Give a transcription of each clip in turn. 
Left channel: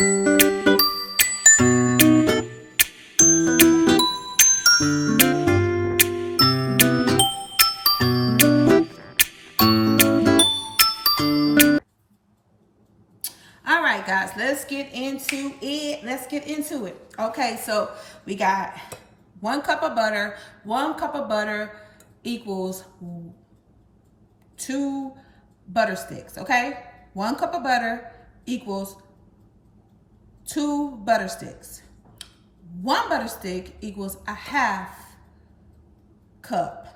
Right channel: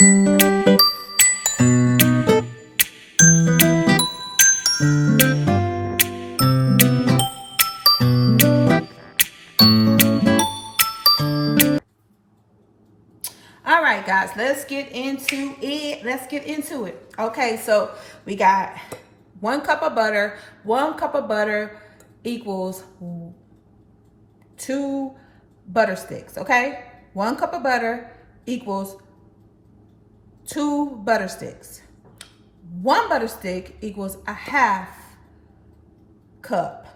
All right, guys, let's get into it. Okay, so we got 1 cup of butter. 1 cup of butter equals 2 butter sticks. Okay, 1 cup of butter equals 2 butter sticks. 1 butter stick equals a 1/2 cup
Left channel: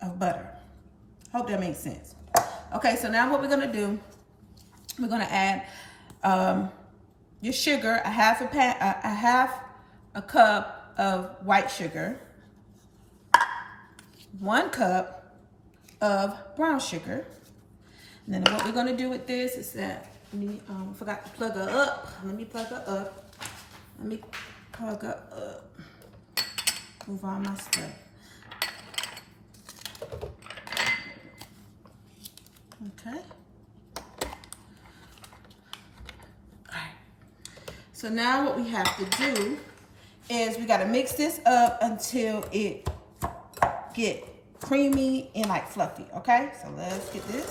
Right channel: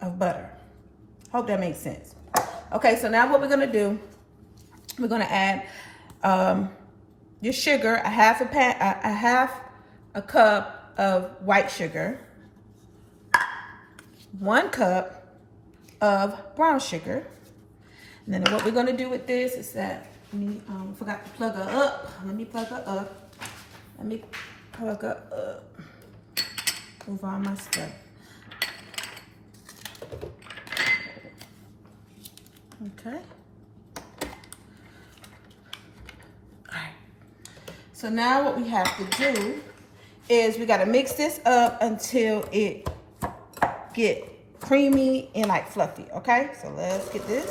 of butter. Hope that makes sense. Okay, so now what we're gonna do, we're gonna add your sugar, a half a cup of white sugar, 1 cup of brown sugar. And then what we're gonna do with this is that, forgot to plug her up. Let me plug her up. Move all my stuff. Okay. Alright. So now what we have to do is we gotta mix this up until it get creamy and like fluffy. Okay, so let's get this.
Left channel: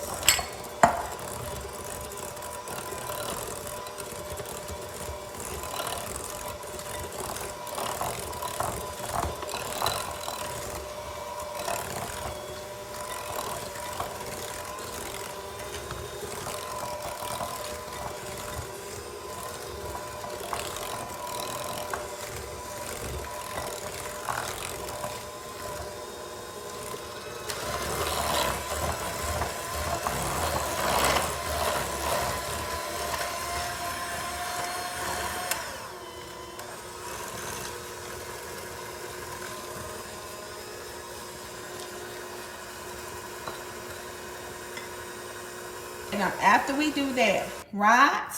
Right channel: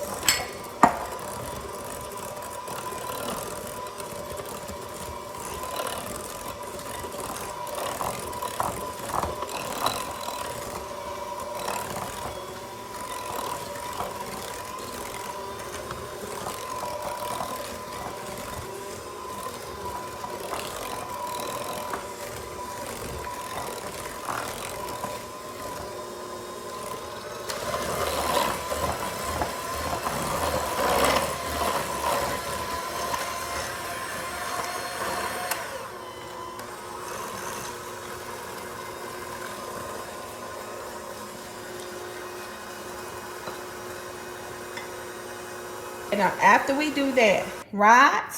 And now after we do that, right,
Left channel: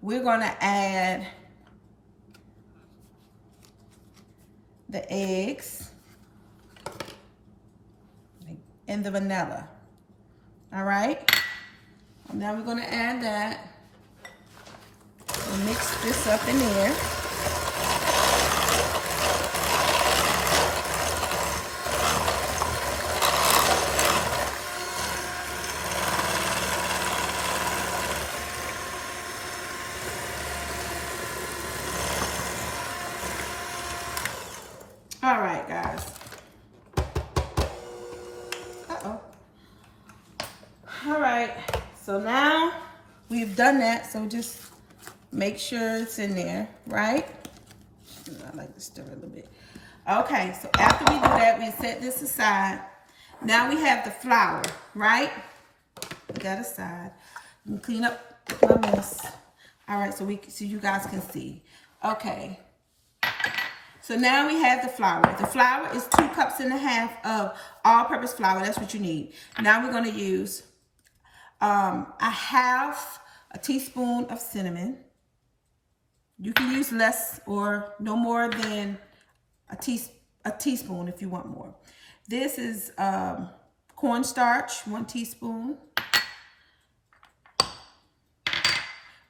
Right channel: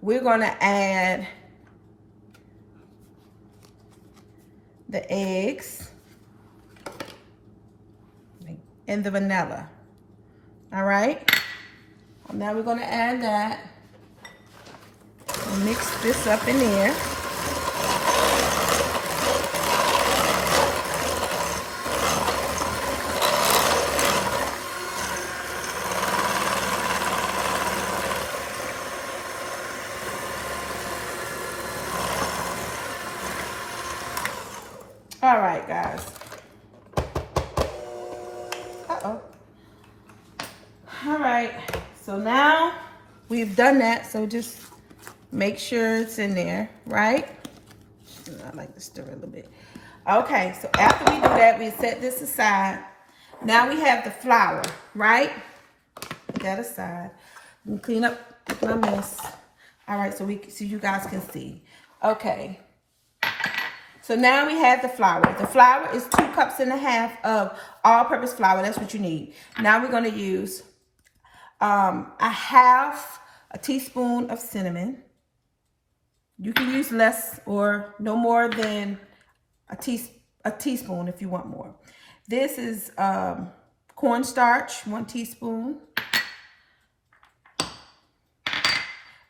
we're gonna add the eggs and the vanilla. All right, and now we're gonna add that. Mix this up in there. All right, guys. Uh-oh. All right, so now we've done that, so just make sure it's in there, right? I like to stir a little bit. Okay, so after we do that, we set this aside. Now we have the flour, right? Put that aside. We clean up my mess. All right, so you guys can see. Okay. So now we have the flour. The flour is 2 cups and a half of all-purpose flour. That's what you need. Now we're going to use a 1/2 teaspoon of cinnamon. You can use less or no more than a teaspoon if you want more. This is cornstarch, 1 teaspoon.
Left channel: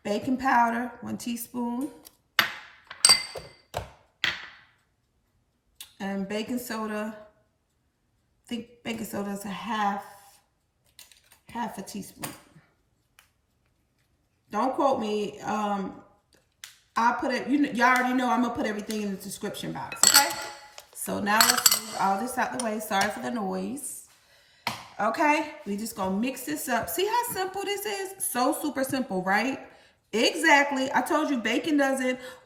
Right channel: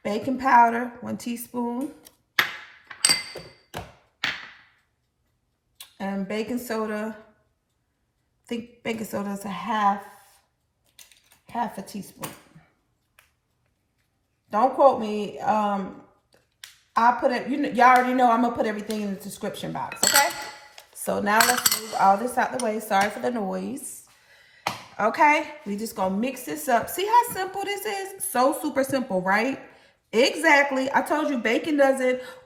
Baking powder, 1 teaspoon. And baking soda, I think baking soda is a half a teaspoon. Don't quote me. I'll put it, y'all already know I'm gonna put everything in the description box, okay? So now let's move all this out the way. Sorry for the noise. Okay, we just gonna mix this up. See how simple this is? So super simple, right? Exactly. I told you baking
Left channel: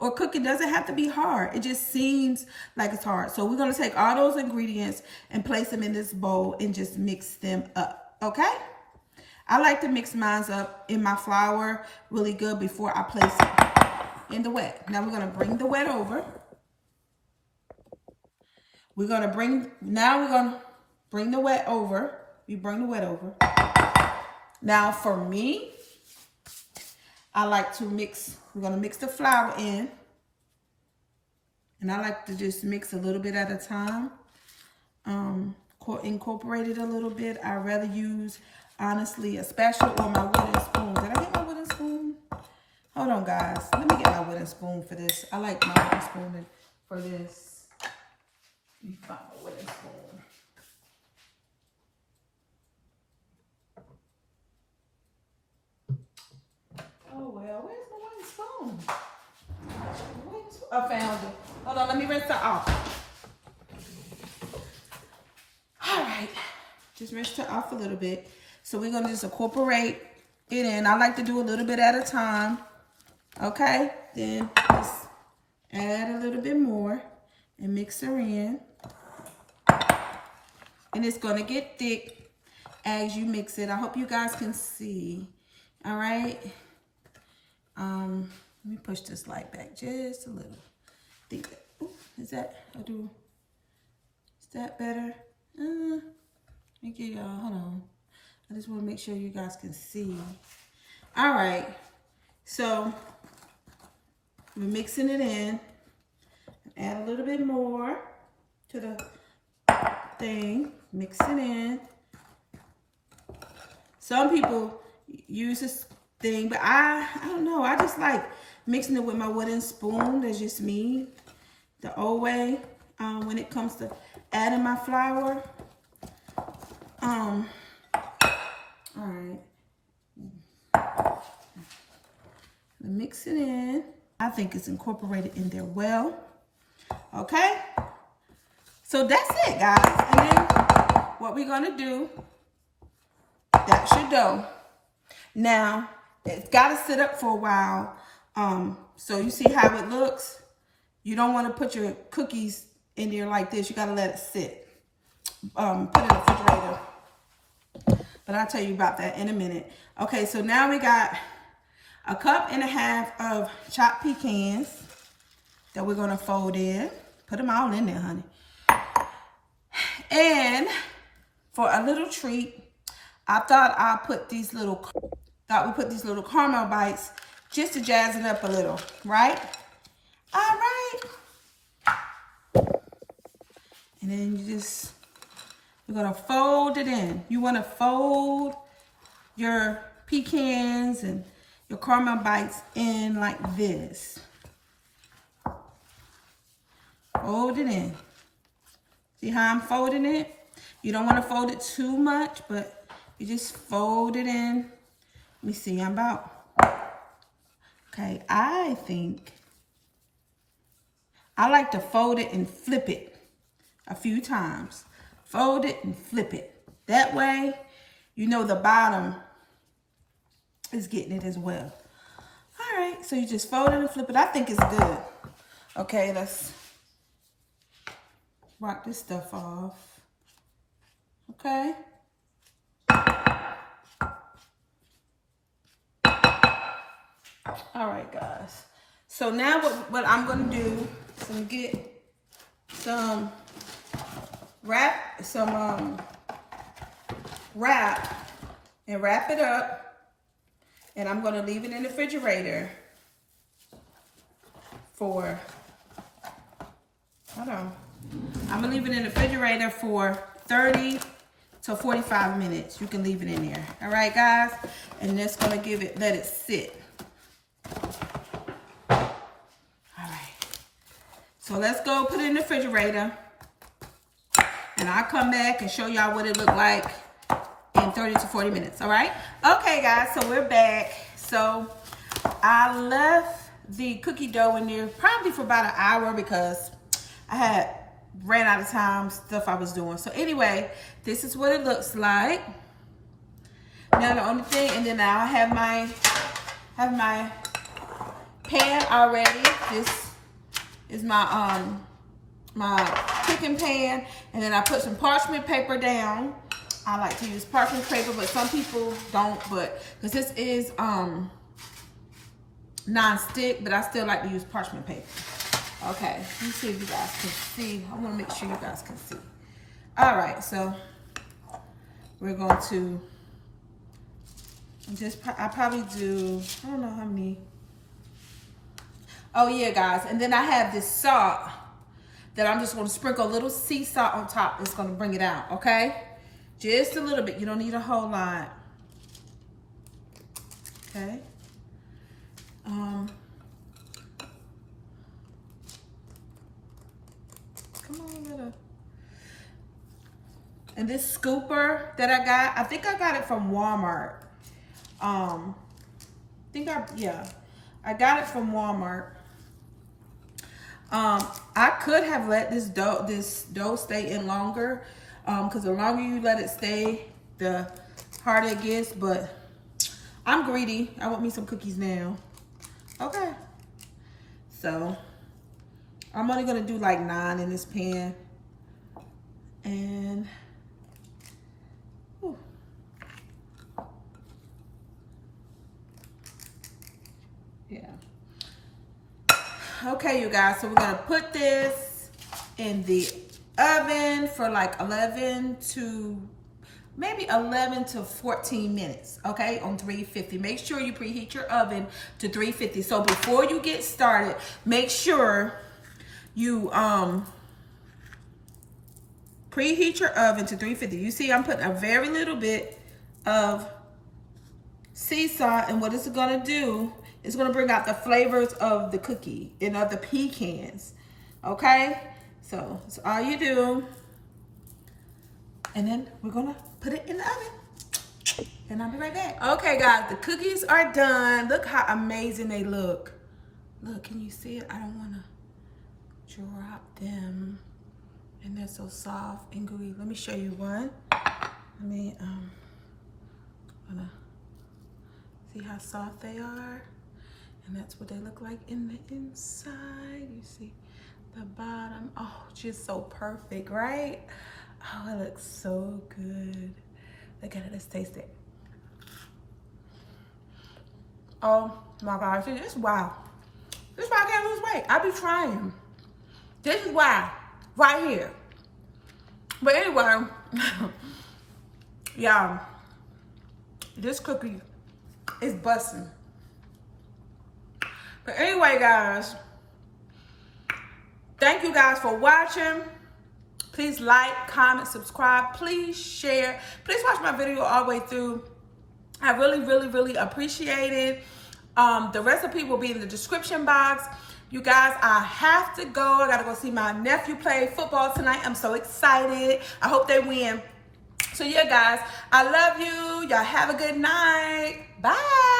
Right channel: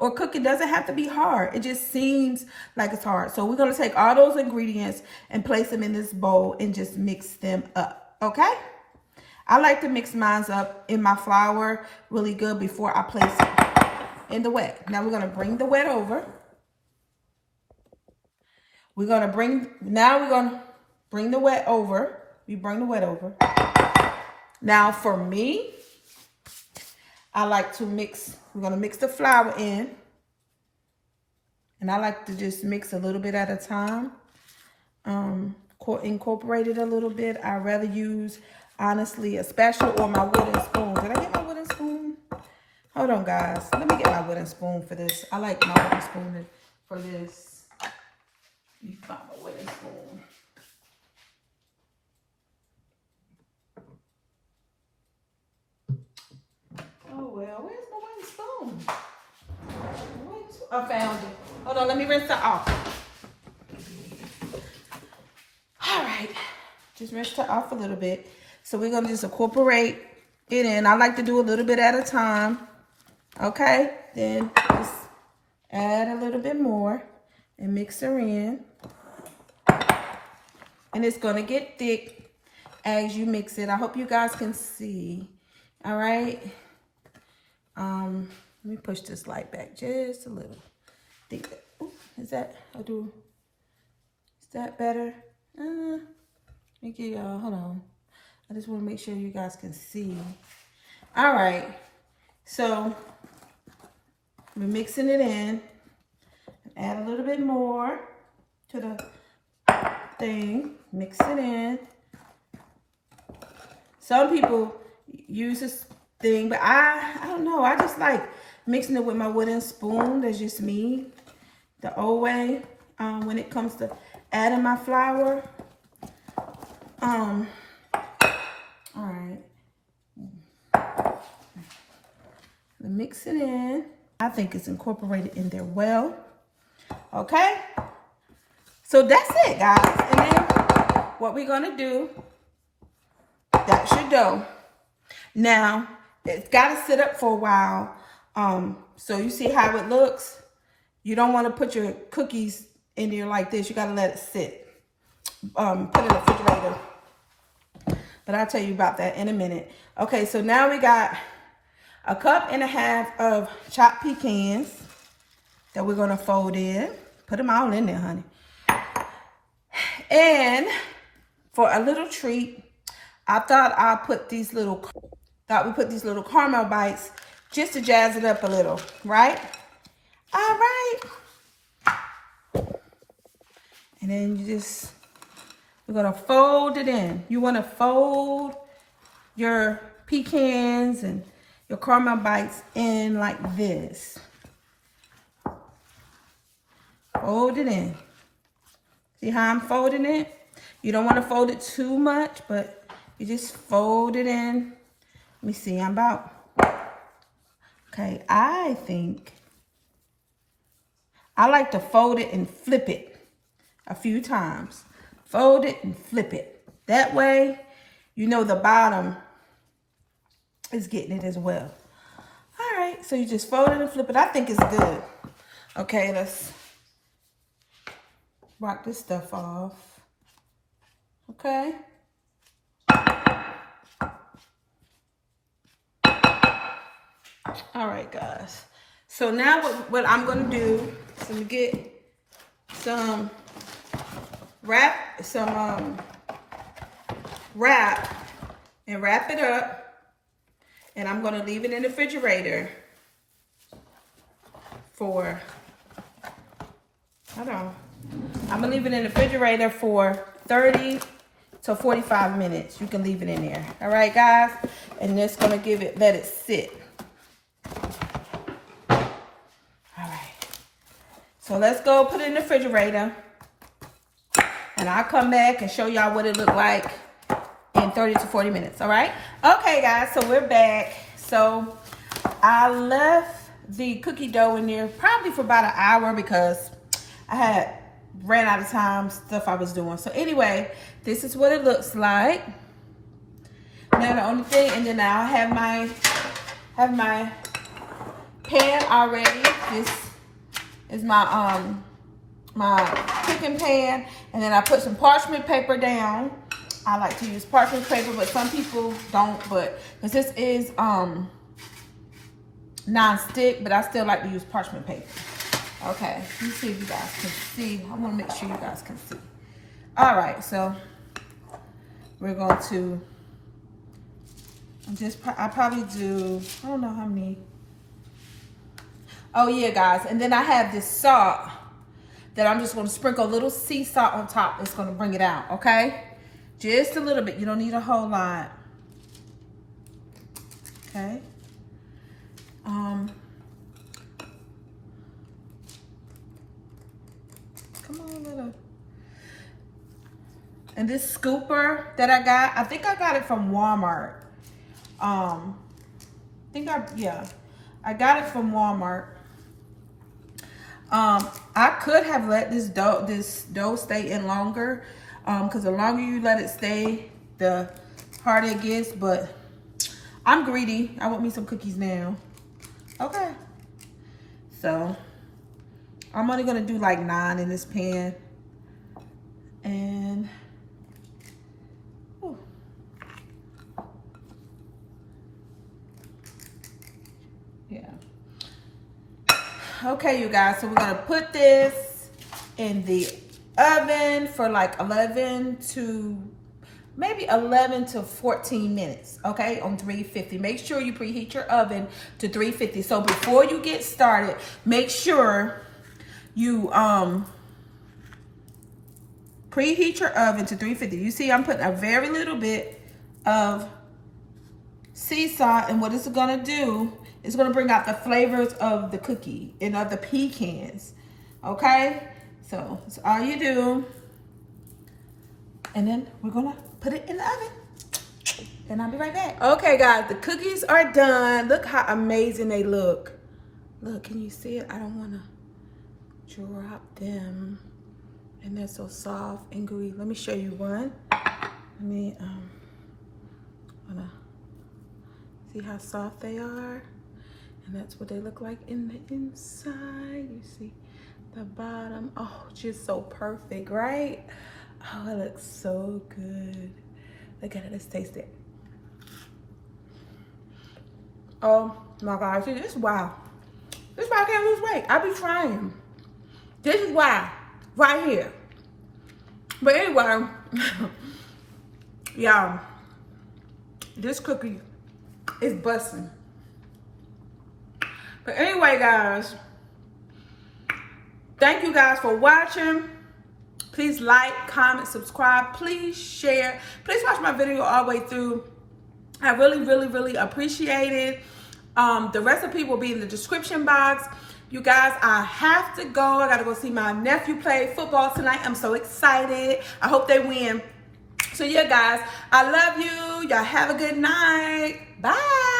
or cooking doesn't have to be hard. It just seems like it's hard. So we're going to take all those ingredients and place them in this bowl and just mix them up. Okay? I like to mix mine up in my flour really good before I place it in the wet. Now we're going to bring the wet over. We're going to bring the wet over. You bring the wet over. Now for me, I like to mix, we're going to mix the flour in. And I like to just mix a little bit at a time. Incorporate it a little bit. I'd rather use, honestly, a spatula or my wooden spoon. Did I get my wooden spoon? Hold on, guys. Let me get my wooden spoon for this. I like my wooden spoon for this. Let me find my wooden spoon. Oh, well, where's my wooden spoon? I found it. Hold on, let me rinse it off. All right. Just rinse it off a little bit. So we're going to just incorporate it in. I like to do a little bit at a time. Okay? Then just add a little bit more and mix her in. And it's going to get thick as you mix it. I hope you guys can see. All right? Let me push this light back just a little. Is that, is that better? Let me get y'all, hold on. I just want to make sure you guys can see. All right, so we're mixing it in. Add a little bit more to the thing. Mix it in. Some people use this thing, but I don't know. I just like mixing it with my wooden spoon. That's just me, the old way. When it comes to adding my flour. All right. Mix it in. I think it's incorporated in there well. Okay. So that's it, guys. And then what we're gonna do? That's your dough. Now it's gotta sit up for a while. So you see how it looks? You don't want to put your cookies in there like this. You gotta let it sit. Put it in the refrigerator. But I'll tell you about that in a minute. Okay, so now we got 1.5 cups of chopped pecans that we're gonna fold in. Put them all in there, honey. And for a little treat, I thought we put these little caramel bites just to jazz it up a little, right? All right. And then we're gonna fold it in. You wanna fold your pecans and your caramel bites in like this. Fold it in. See how I'm folding it? You don't wanna fold it too much, but you just fold it in. Let me see, okay, I think I like to fold it and flip it a few times. Fold it and flip it. That way, you know the bottom is getting it as well. All right, so you just fold it and flip it. I think it's good. Okay, let's wipe this stuff off. Okay. All right, guys. So now what I'm going to do is get some wrap and wrap it up, and I'm going to leave it in the refrigerator for, hold on, I'm going to leave it in the refrigerator for 30 to 45 minutes. You can leave it in there. All right, guys, and that's going to let it sit. All right, so let's go put it in the refrigerator. And I'll come back and show y'all what it looked like in 30 to 40 minutes, all right? Okay, guys, so we're back. So I left the cookie dough in there probably for about an hour because I ran out of time, stuff I was doing. So anyway, this is what it looks like. Now the only thing, and then I'll have my pan already. This is my cooking pan, and then I put some parchment paper down. I like to use parchment paper, but some people don't, but because this is non-stick, but I still like to use parchment paper. Okay, let me see if you guys can see. I want to make sure you guys can see. All right, so we're going to I probably do, I don't know how many. Oh yeah, guys, and then I have this salt that I'm just going to sprinkle a little sea salt on top. It's going to bring it out, okay? Just a little bit. You don't need a whole lot. Okay? And this scooper that I got, I think I got it from Walmart. I got it from Walmart. I could have let this dough stay in longer, because the longer you let it stay, the harder it gets. But I'm greedy. I want me some cookies now. Okay. So I'm only gonna do like 9 in this pan, and yeah. Okay, you guys, so we're gonna put this in the oven for like 11 to 14 minutes, okay, on 350. Make sure you preheat your oven to 350. So before you get started, make sure you preheat your oven to 350. You see, I'm putting a very little bit of sea salt, and what it's gonna do, it's gonna bring out the flavors of the cookie and of the pecans, okay? So that's all you do. And then we're gonna put it in the oven. And I'll be right back. Okay, guys, the cookies are done. Look how amazing they look. Look, can you see it? I don't wanna drop them. And they're so soft and gooey. Let me show you one. See how soft they are? And that's what they look like in the inside. You see the bottom. Oh, just so perfect, right? Oh, it looks so good. Look at it, let's taste it. Oh my gosh, this is wow. This is why I can't lose weight. I be trying. This is why, right here. But anyway, y'all, this cookie is busting. But anyway, guys, thank you guys for watching. Please like, comment, subscribe. Please share. Please watch my video all the way through. I really, really, really appreciate it. The recipe will be in the description box. You guys, I have to go. I got to go see my nephew play football tonight. I'm so excited. I hope they win. So yeah, guys, I love you. Y'all have a good night. Bye.